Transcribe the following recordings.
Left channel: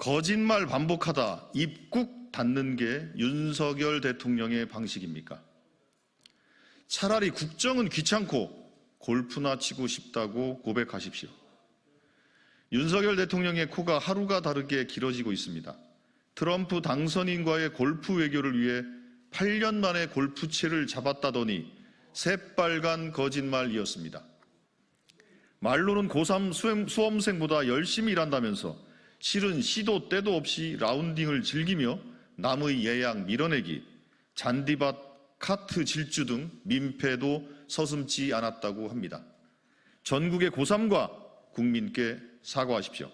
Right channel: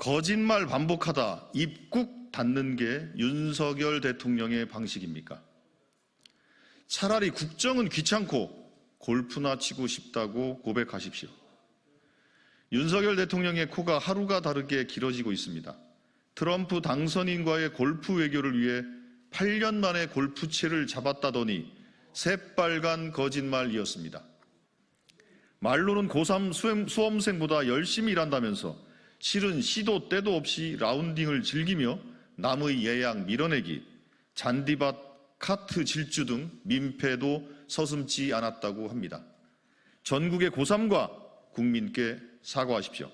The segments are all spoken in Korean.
거짓말 반복하다 입국 닫는 게 윤석열 대통령의 방식입니까? 차라리 국정은 귀찮고 골프나 치고 싶다고 고백하십시오. 윤석열 대통령의 코가 하루가 다르게 길어지고 있습니다. 트럼프 당선인과의 골프 외교를 위해 8년 만에 골프채를 잡았다더니 새빨간 거짓말이었습니다. 말로는 고3 수험, 수험생보다 열심히 일한다면서 실은 시도 때도 없이 라운딩을 즐기며 남의 예약 밀어내기, 잔디밭 카트 질주 등 민폐도 서슴지 않았다고 합니다. 전국의 고3과 국민께 사과하십시오.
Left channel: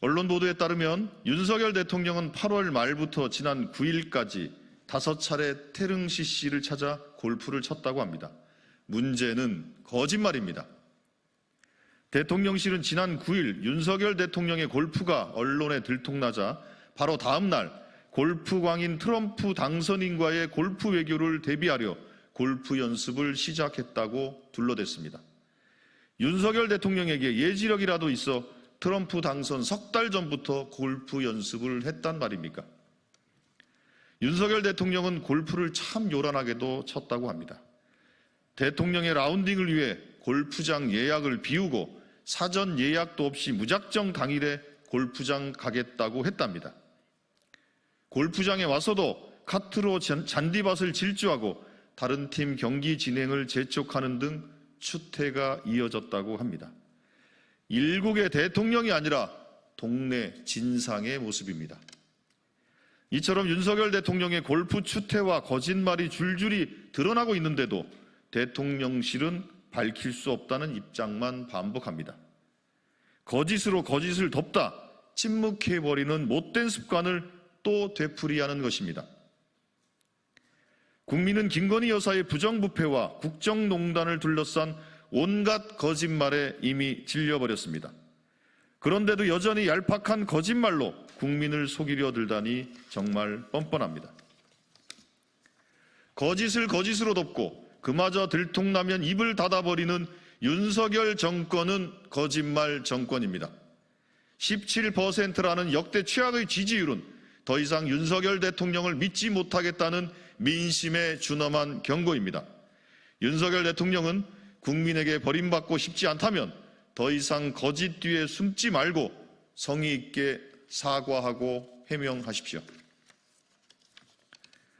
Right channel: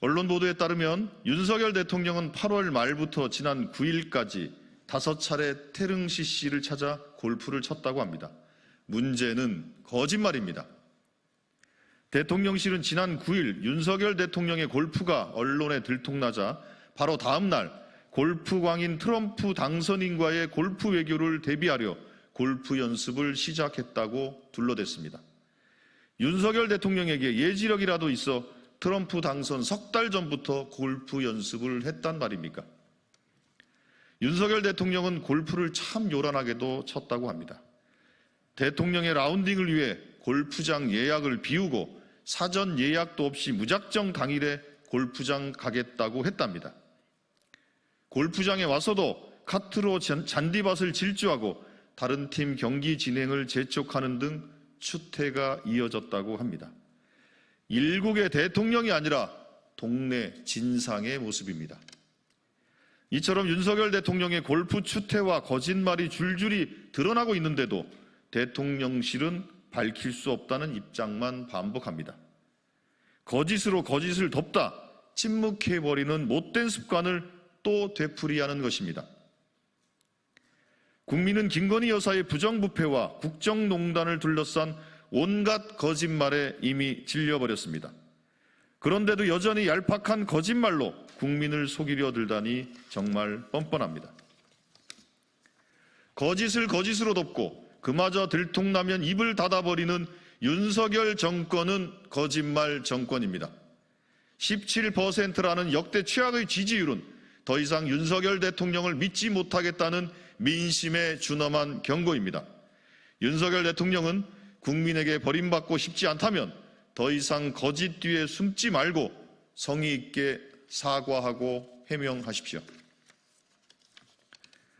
언론 보도에 따르면 윤석열 대통령은 8월 말부터 지난 9일까지 다섯 차례 태릉 CC를 찾아 골프를 쳤다고 합니다. 문제는 거짓말입니다. 대통령실은 지난 9일 윤석열 대통령의 골프가 언론에 들통나자 바로 다음 날 골프 광인 트럼프 당선인과의 골프 외교를 대비하려 골프 연습을 시작했다고 둘러댔습니다. 윤석열 대통령에게 예지력이라도 있어 트럼프 당선 석 달 전부터 골프 연습을 했단 말입니까? 윤석열 대통령은 골프를 참 요란하게도 쳤다고 합니다. 대통령의 라운딩을 위해 골프장 예약을 비우고 사전 예약도 없이 무작정 당일에 골프장 가겠다고 했답니다. 골프장에 와서도 카트로 잔- 잔디밭을 질주하고 다른 팀 경기 진행을 재촉하는 등 추태가 이어졌다고 합니다. 일국의 대통령이 아니라 동네 진상의 모습입니다. 이처럼 윤석열 대통령의 골프 추태와 거짓말이 줄줄이 드러나고 있는데도 대통령실은 밝힐 수 없다는 입장만 반복합니다. 거짓으로 거짓을 덮다 침묵해버리는 못된 습관을 또 되풀이하는 것입니다. 국민은 김건희 여사의 부정부패와 국정농단을 둘러싼 온갖 거짓말에 이미 질려버렸습니다. 그런데도 여전히 얄팍한 거짓말로 국민을 속이려 들다니 정말 뻔뻔합니다. 거짓을 거짓으로 덮고 그마저 들통나면 입을 닫아버리는 윤석열 정권은 거짓말 정권입니다. 17%라는 역대 최악의 지지율은 더 이상 윤석열 대통령을 믿지 못하겠다는 민심의 준엄한 경고입니다. 윤석열 대통령은 국민에게 버림받고 싶지 않다면 더 이상 거짓 뒤에 숨지 말고 성의 있게 사과하고 해명하십시오.